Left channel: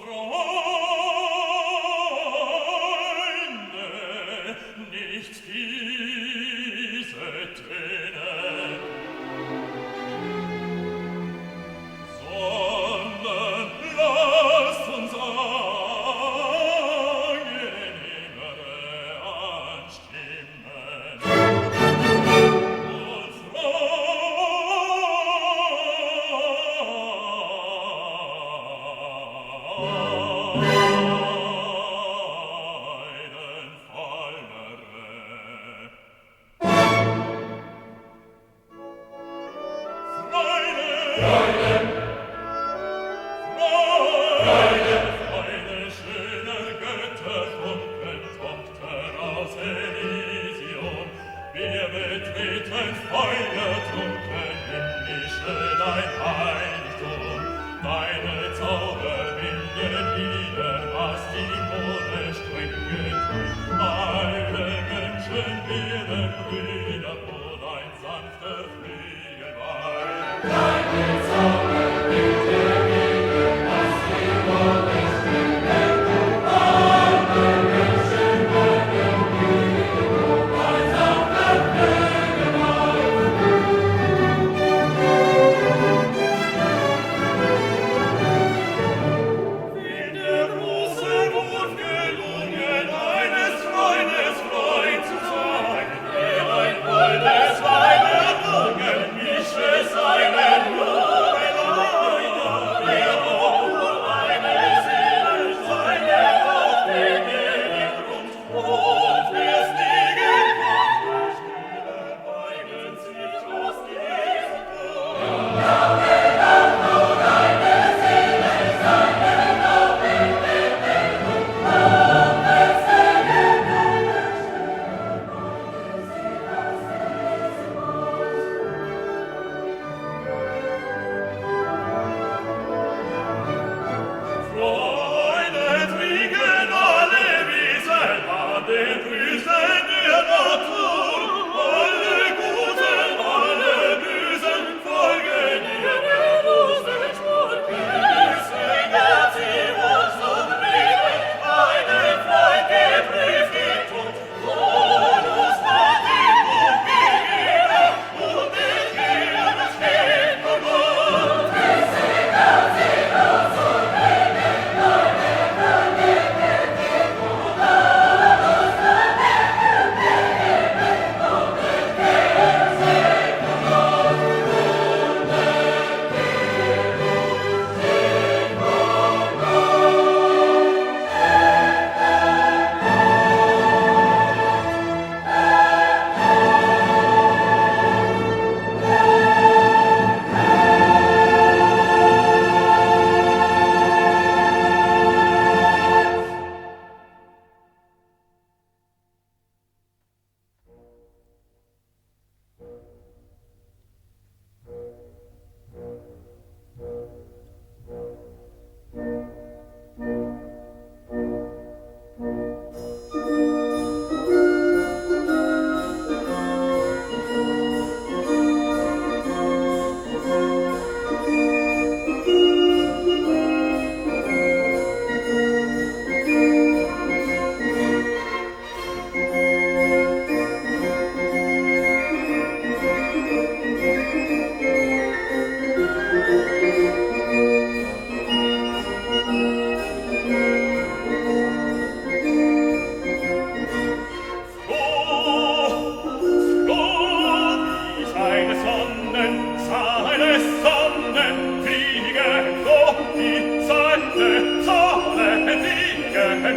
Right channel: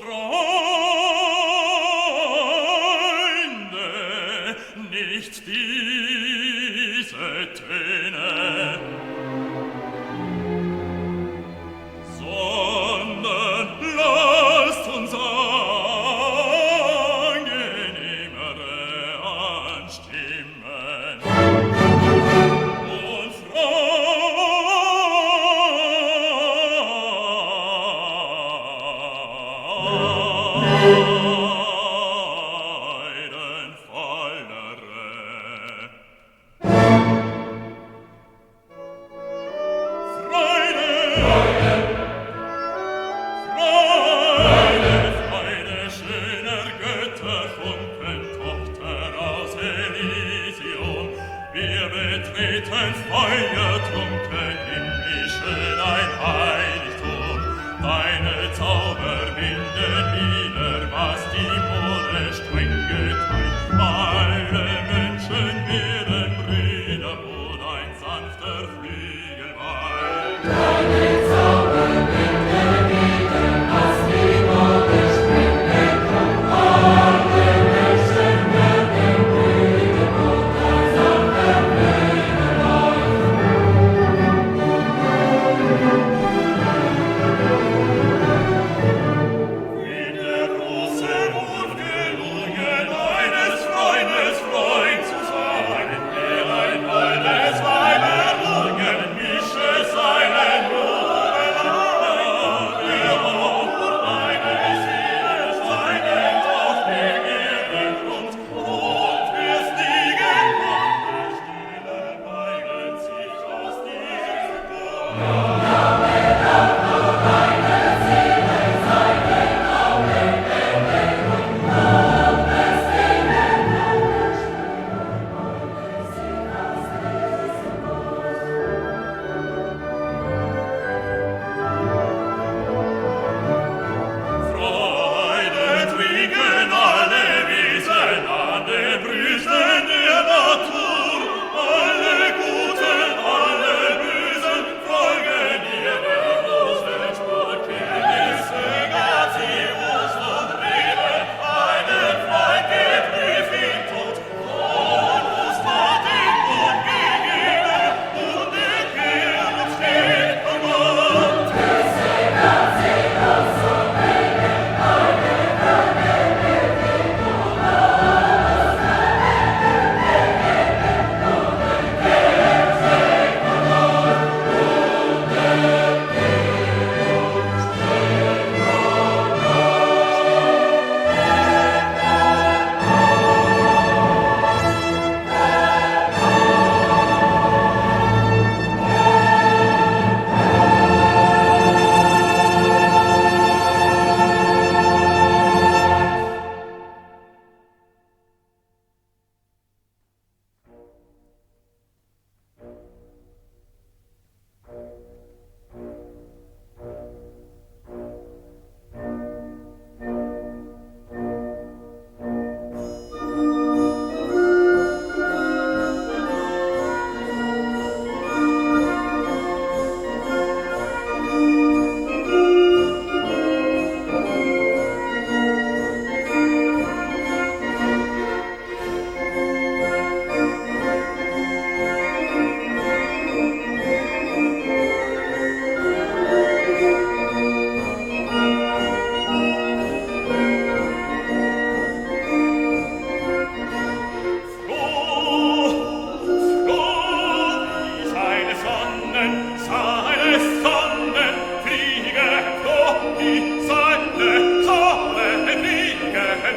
Freunde, nicht diese Töne, sondern lasst uns angenehmere anstimmen. Und betreten feuertrunken himmlische dein Heiligtum. Deine Zauber binden wieder, was die Mode streng geteilt. Alle Menschen werden Brüder, wo dein sanfter Flügel weilt. Deine Zauber binden wieder, was die Mode streng geteilt. Alle Menschen werden Brüder, wo dein sanfter Flügel wie der große Wurf gelungen, eines Freundes Freund zu sein, der ein holdes Weib errungen, mische seinen Jubelei, der auch eine Seele seinen Tod begehren rund, und wir stiegen von der Stille, weinen sich aus diesem Bund. Freude trinken alle Wiesen an den Brüsten der Natur. Alle Guten, alle Bösen folgen ihrer großen Spur. Kenntnisse gab sie uns und Reden, einen Freund geprüft in Tod. Onus hat den Bund gegeben und den Herrn steht vor Gott.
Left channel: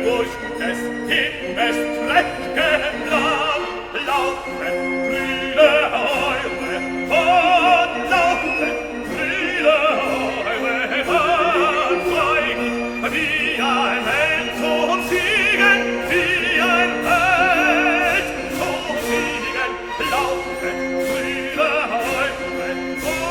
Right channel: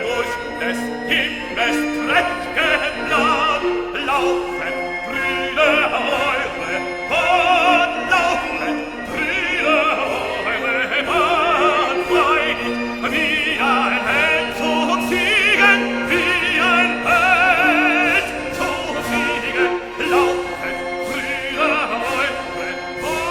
Durch des Himmels prächtigen Land laufet, Brüder, eure Bahn, laufet, Brüder, eure Bahn, weinig wie ein Held zum Siegen, wie ein Held zum Siegen, laufet, Brüder, eure Bahn.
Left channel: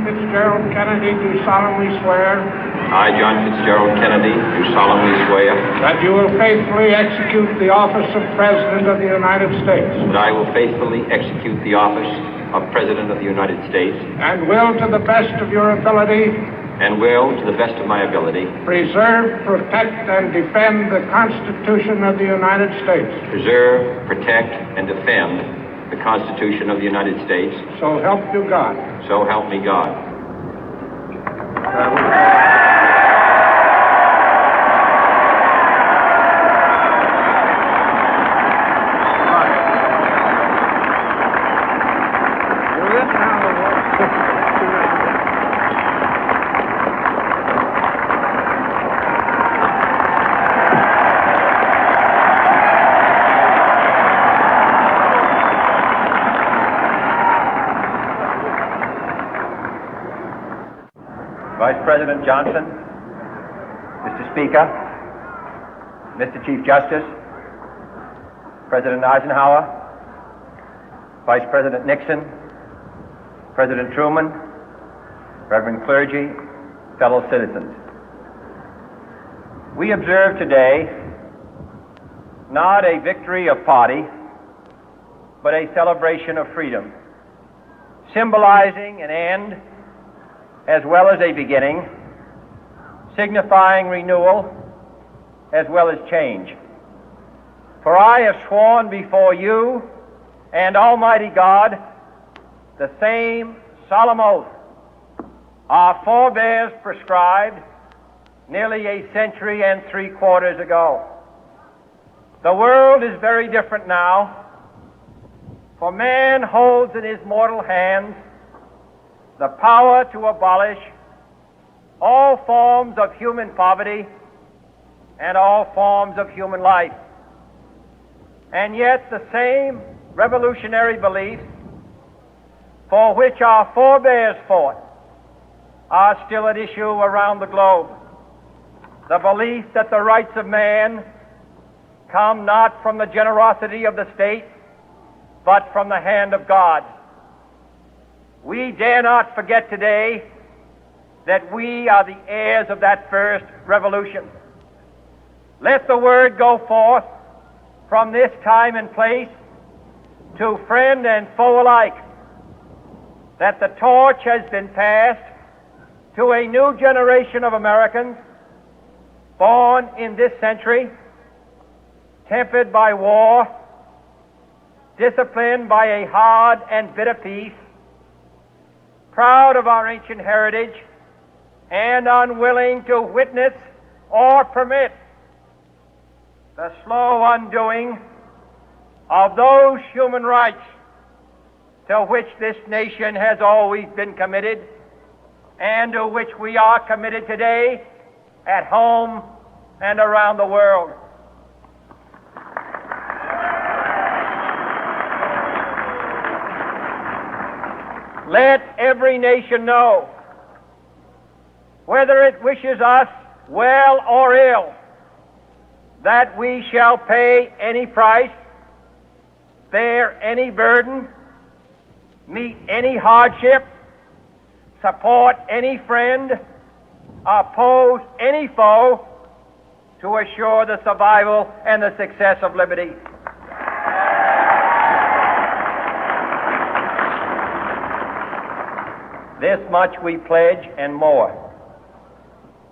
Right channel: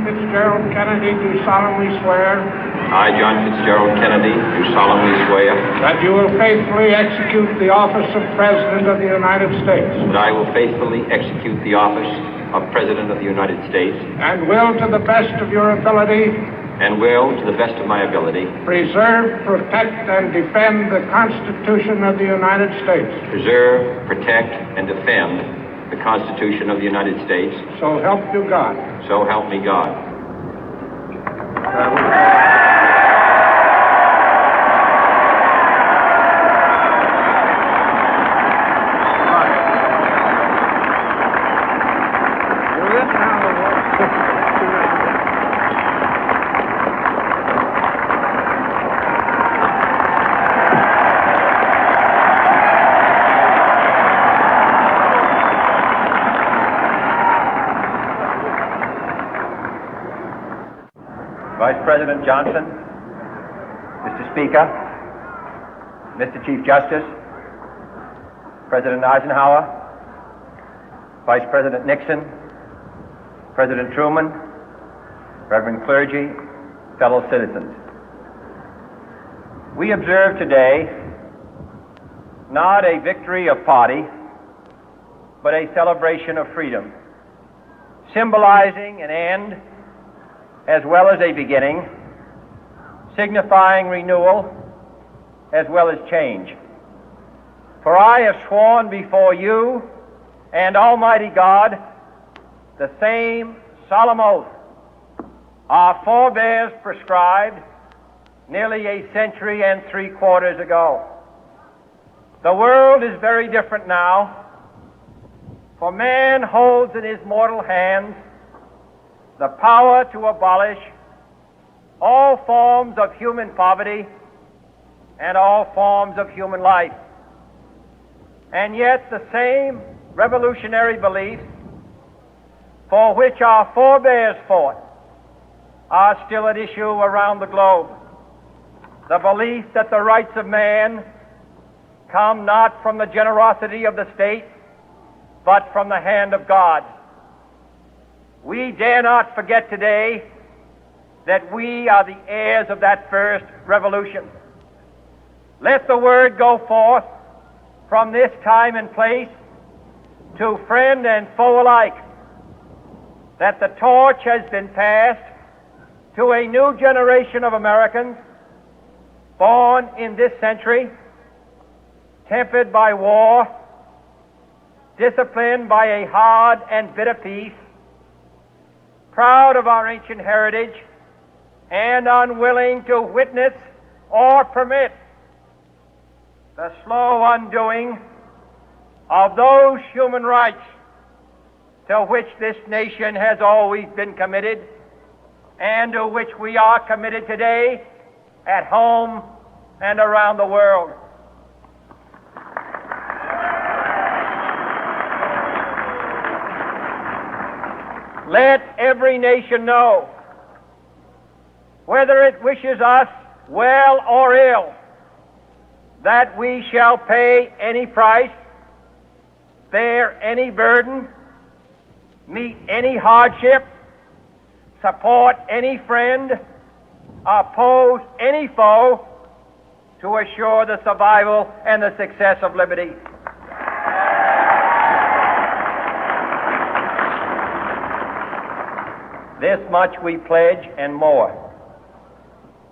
John Fitzgerald Kennedy, do solemnly swear I, John Fitzgerald Kennedy, do solemnly swear that you will faithfully execute the office of President of the United States that I will faithfully execute the office of President of the United States and will, to the best of your ability, and will, to the best of my ability, preserve, protect, and defend the Constitution of the United States. preserve, protect, and defend the Constitution of the United States. So help you God. So help me God. Vice President Johnson, Mr. Speaker, Mr. Chief Justice, President Eisenhower, Vice President Nixon, President Truman, Reverend clergy, fellow citizens. We observe today not a victory of party, but a celebration of freedom, symbolizing an end as well as a beginning, signifying renewal as well as change. For I have sworn before you and Almighty God the same solemn oath our forebears prescribed nearly a century and 3/4 ago. The world is very different now, for man holds in his mortal hands the power to abolish all forms of human poverty and all forms of human life. And yet the same revolutionary beliefs for which our forebears fought are still at issue around the globe. The belief that the rights of man come not from the generosity of the state, but from the hand of God. We dare not forget today that we are the heirs of that first revolution. Let the word go forth from this time and place to friend and foe alike that the torch has been passed to a new generation of Americans born in this century, tempered by war, disciplined by a hard and bitter peace, proud of our ancient heritage, and unwilling to witness or permit the slow undoing of those human rights to which this nation has always been committed and to which we are committed today at home and around the world. Let every nation know, whether it wishes us well or ill, that we shall pay any price, bear any burden, meet any hardship, support any friend, oppose any foe to assure the survival and the success of liberty. This much we pledge and more.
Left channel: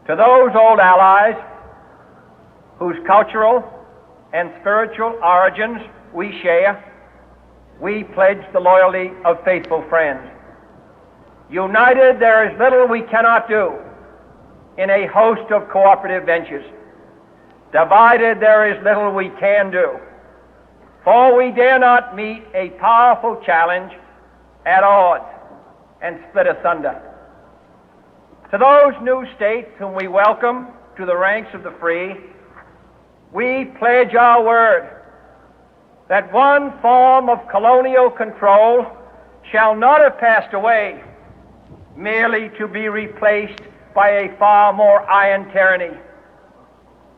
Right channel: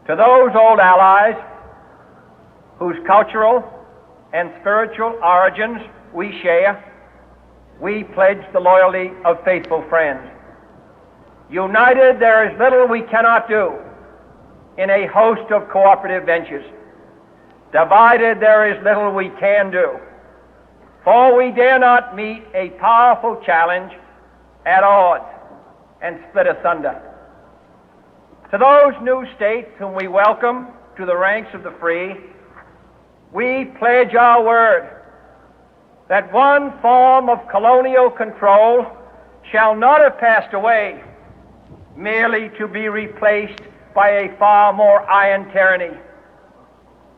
To those old allies whose cultural and spiritual origins we share, we pledge the loyalty of faithful friends. United, there is little we cannot do in a host of cooperative ventures. Divided, there is little we can do, for we dare not meet a powerful challenge at odds and split asunder. To those new states whom we welcome to the ranks of the free, we pledge our word that one form of colonial control shall not have passed away, merely to be replaced by a far more iron tyranny.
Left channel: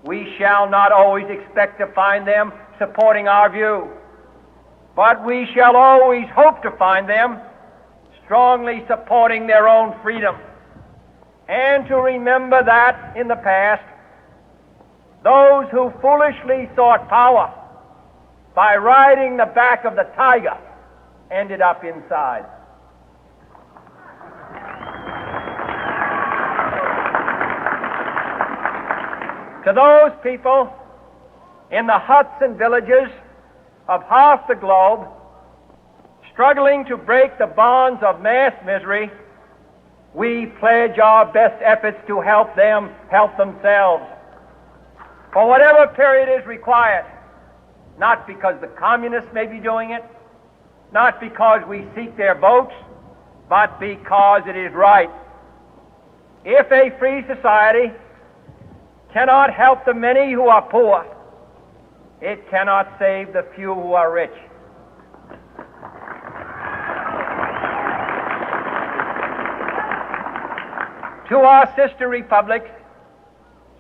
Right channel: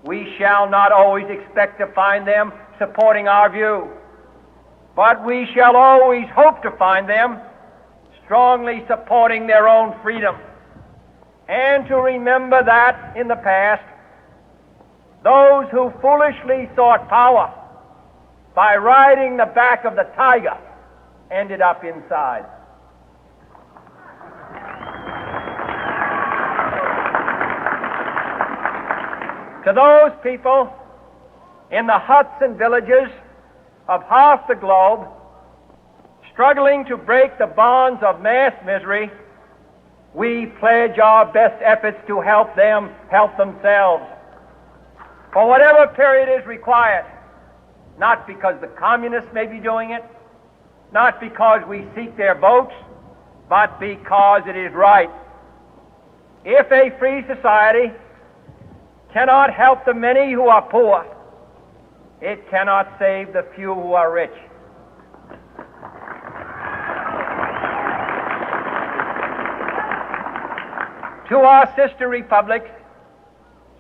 We shall not always expect to find them supporting our view, but we shall always hope to find them strongly supporting their own freedom, and to remember that in the past, those who foolishly sought power by riding the back of the tiger ended up inside. To those people in the huts and villages of half the globe struggling to break the bonds of mass misery, we pledge our best efforts to help them help themselves for whatever period is required, not because the communists may be doing it, not because we seek their votes, but because it is right. If a free society cannot help the many who are poor, it cannot save the few who are rich. To our sister republics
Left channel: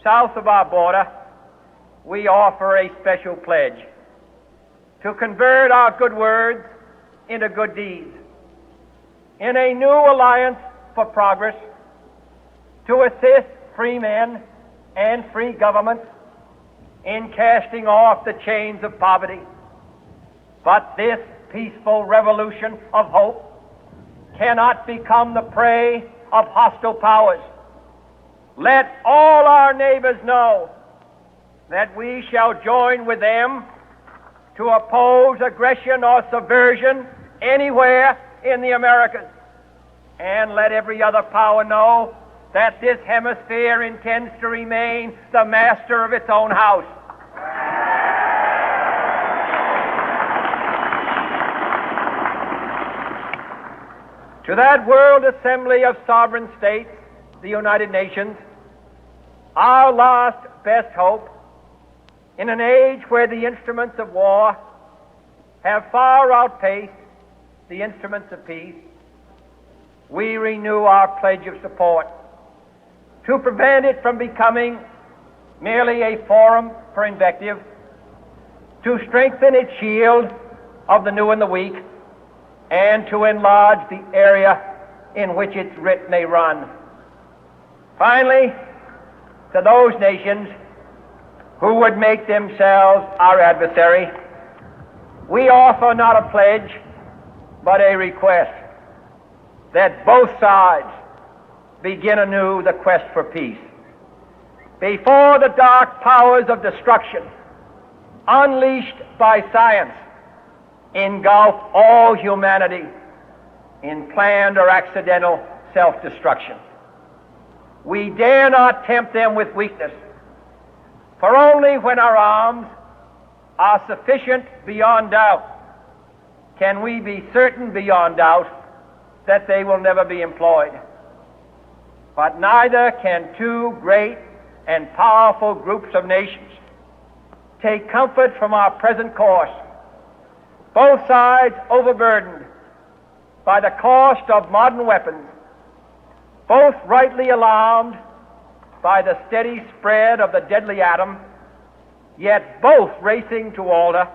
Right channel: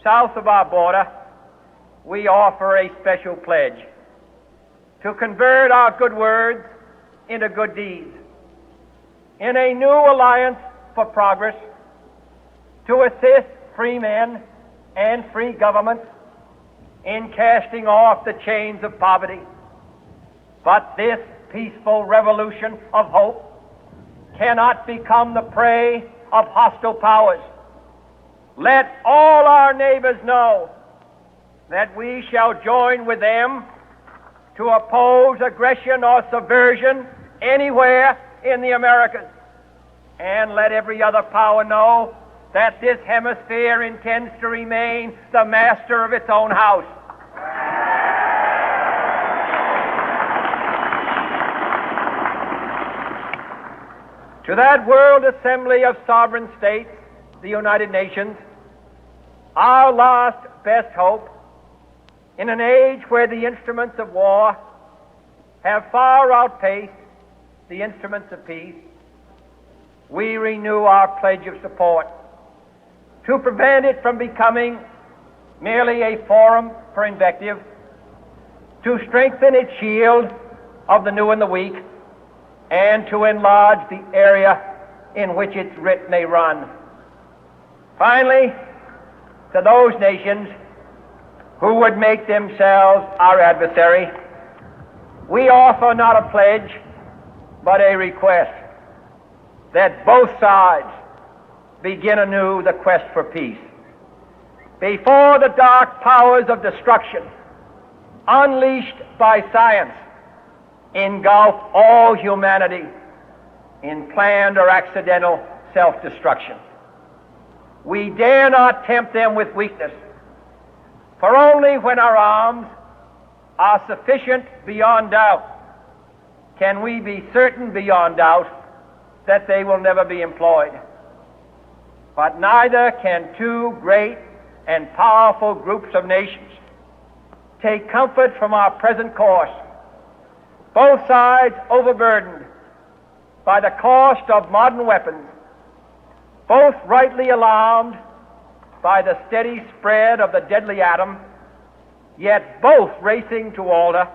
south of our border, we offer a special pledge to convert our good words into good deeds, in a new alliance for progress, to assist free men and free governments in casting off the chains of poverty. But this peaceful revolution of hope cannot become the prey of hostile powers. Let all our neighbors know that we shall join with them to oppose aggression or subversion anywhere in the Americas. And let every other power know that this hemisphere intends to remain the master of its own house. To that World Assembly of Sovereign States, the United Nations, our last best hope, in an age where the instruments of war have far outpaced the instruments of peace, we renew our pledge of support to prevent it from becoming merely a forum for invective, to strengthen its shield of the new and the weak, and to enlarge the area in which its writ may run. Finally, to those nations who would make themselves our adversary, we offer not a pledge, but a request that both sides begin anew the quest for peace. Before the dark powers of destruction, unleashed by science, engulf all humanity in planned or accidental self-destruction, we dare not tempt them with weakness, for only when our arms are sufficient beyond doubt can we be certain beyond doubt that they will never be employed. But neither can two great and powerful groups of nations take comfort from our present course, both sides overburdened by the cost of modern weapons, both rightly alarmed by the steady spread of the deadly atom, yet both racing to alter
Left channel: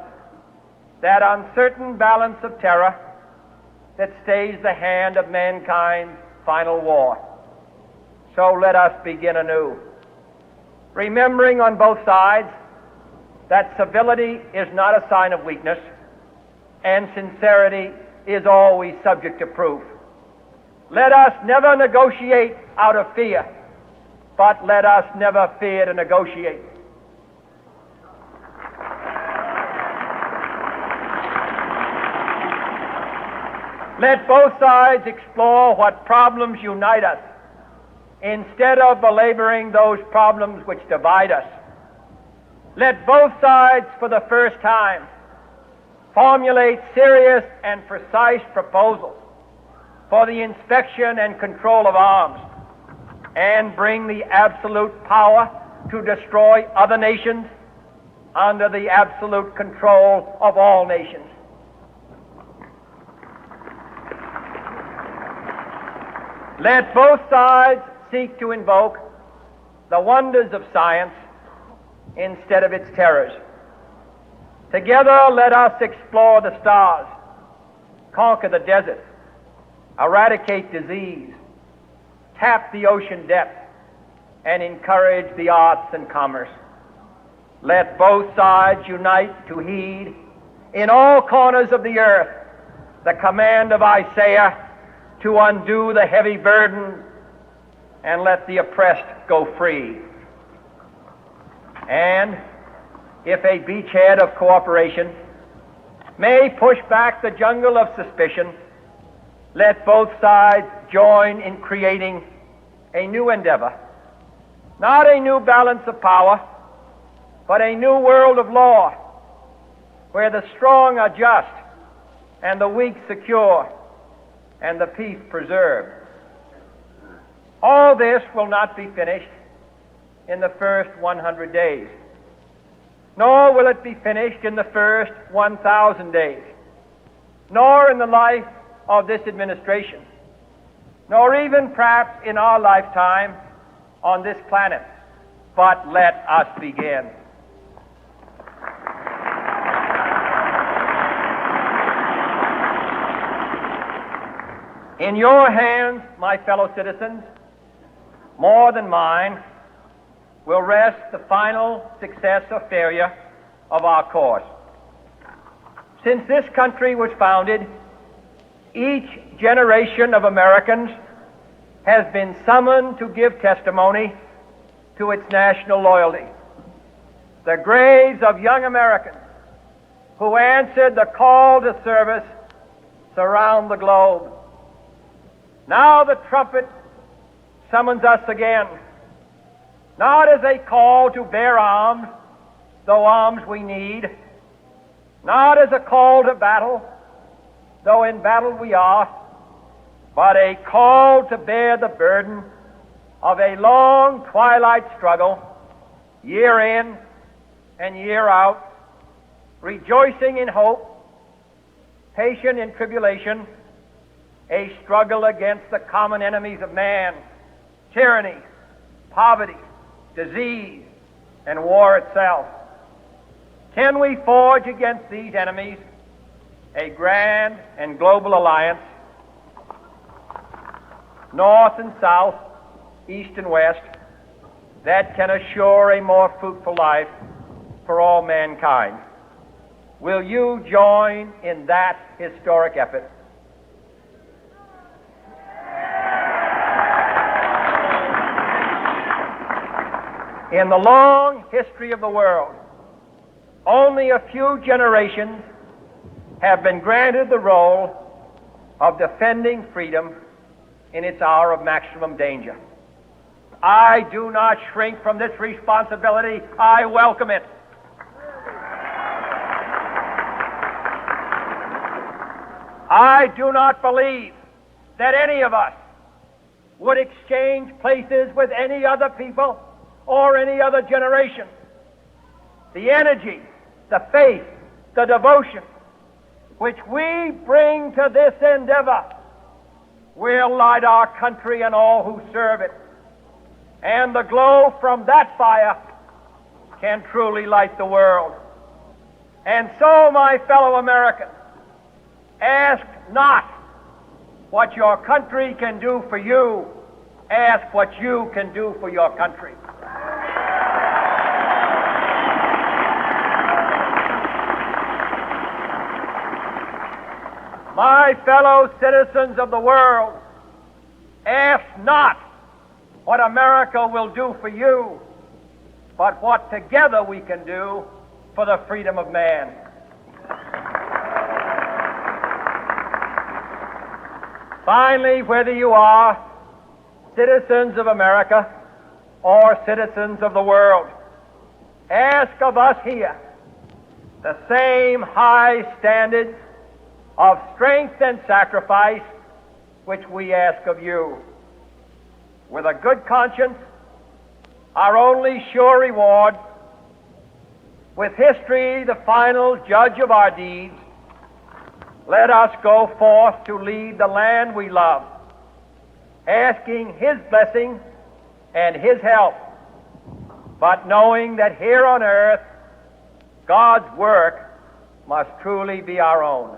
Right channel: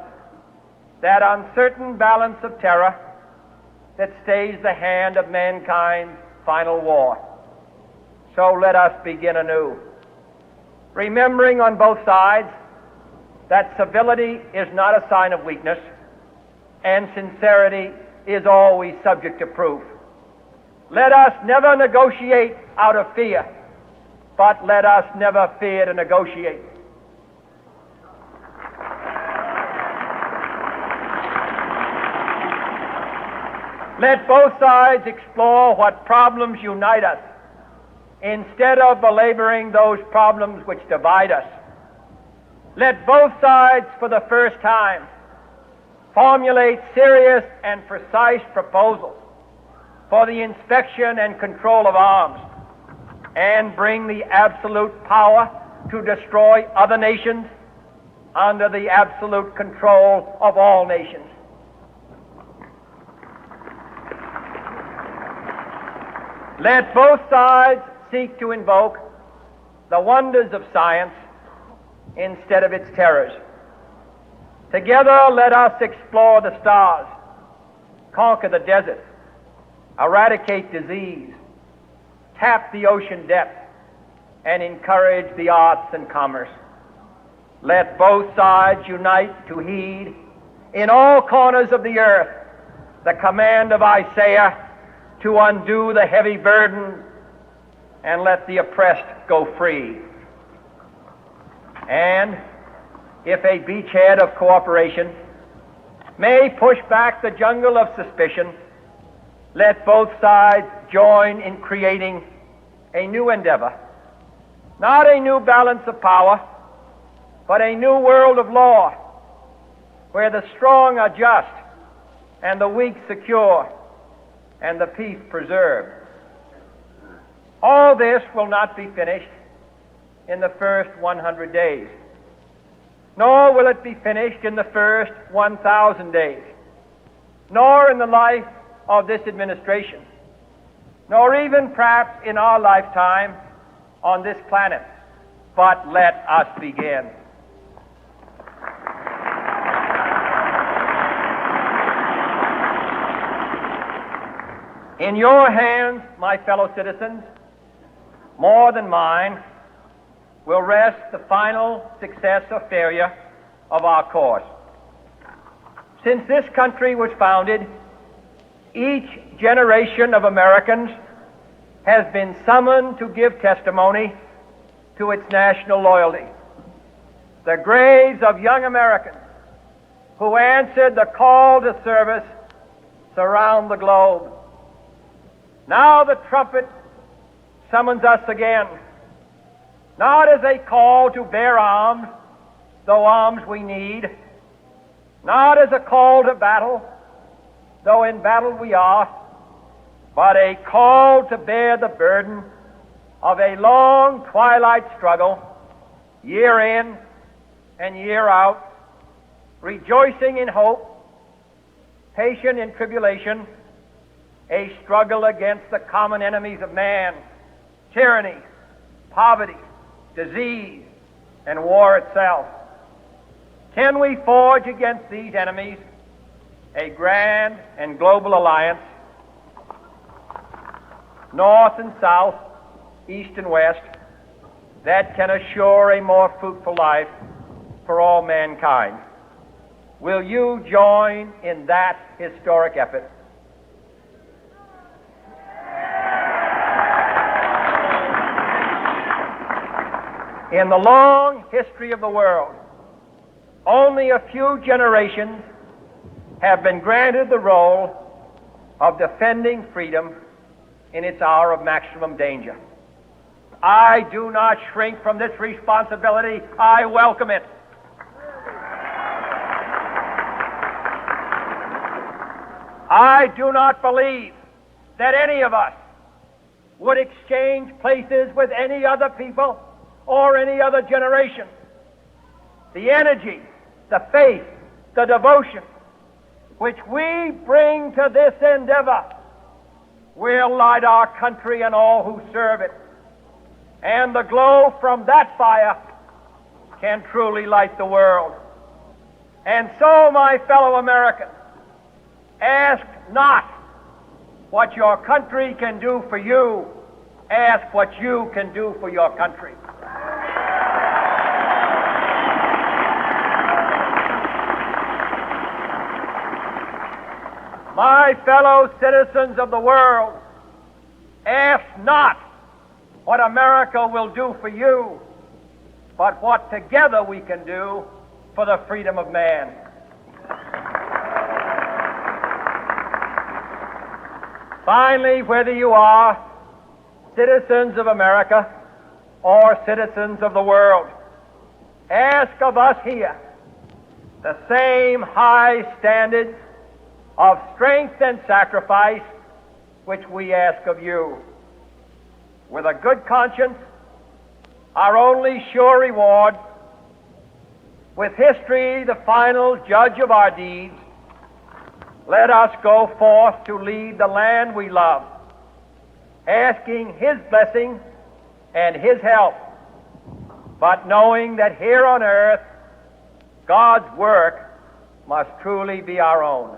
that uncertain balance of terror that stays the hand of mankind's final war. So let us begin anew, remembering on both sides that civility is not a sign of weakness, and sincerity is always subject to proof. Let us never negotiate out of fear, but let us never fear to negotiate. Let both sides explore what problems unite us, instead of belaboring those problems which divide us. Let both sides, for the first time, formulate serious and precise proposals for the inspection and control of arms, and bring the absolute power to destroy other nations under the absolute control of all nations. Let both sides seek to invoke the wonders of science instead of its terrors. Together let us explore the stars, conquer the deserts, eradicate disease, tap the ocean depth, and encourage the arts and commerce. Let both sides unite to heed in all corners of the earth the command of Isaiah to undo the heavy burden and let the oppressed go free. And if a beachhead of cooperation may push back the jungle of suspicion, let both sides join in creating a new endeavor, not a new balance of power, but a new world of law, where the strong are just and the weak secure and the peace preserved. All this will not be finished in the first 100 days, nor will it be finished in the first 1,000 days, nor in the life of this administration, nor even perhaps in our lifetime on this planet. But let us begin. In your hands, my fellow citizens, more than mine, will rest the final success or failure of our course. Since this country was founded, each generation of Americans has been summoned to give testimony to its national loyalty. The graves of young Americans who answered the call to service surround the globe. Now the trumpet summons us again, not as a call to bear arms, though arms we need, not as a call to battle, though in battle we are, but a call to bear the burden of a long twilight struggle, year in and year out, rejoicing in hope, patient in tribulation, a struggle against the common enemies of man, tyranny, poverty, disease, and war itself. Can we forge against these enemies a grand and global alliance, north and south, east and west, that can assure a more fruitful life for all mankind? Will you join in that historic effort? In the long history of the world, only a few generations have been granted the role of defending freedom in its hour of maximum danger. I do not shrink from this responsibility. I welcome it. I do not believe that any of us would exchange places with any other people or any other generation. The energy, the faith, the devotion which we bring to this endeavor will light our country and all who serve it. And the glow from that fire can truly light the world. And so, my fellow Americans, ask not what your country can do for you. Ask what you can do for your country. My fellow citizens of the world, ask not what America will do for you, but what together we can do for the freedom of man. Finally, whether you are citizens of America or citizens of the world, ask of us here the same high standards of strength and sacrifice which we ask of you. With a good conscience, our only sure reward, with history the final judge of our deeds, let us go forth to lead the land we love, asking His blessing and His help, but knowing that here on earth God's work must truly be our own.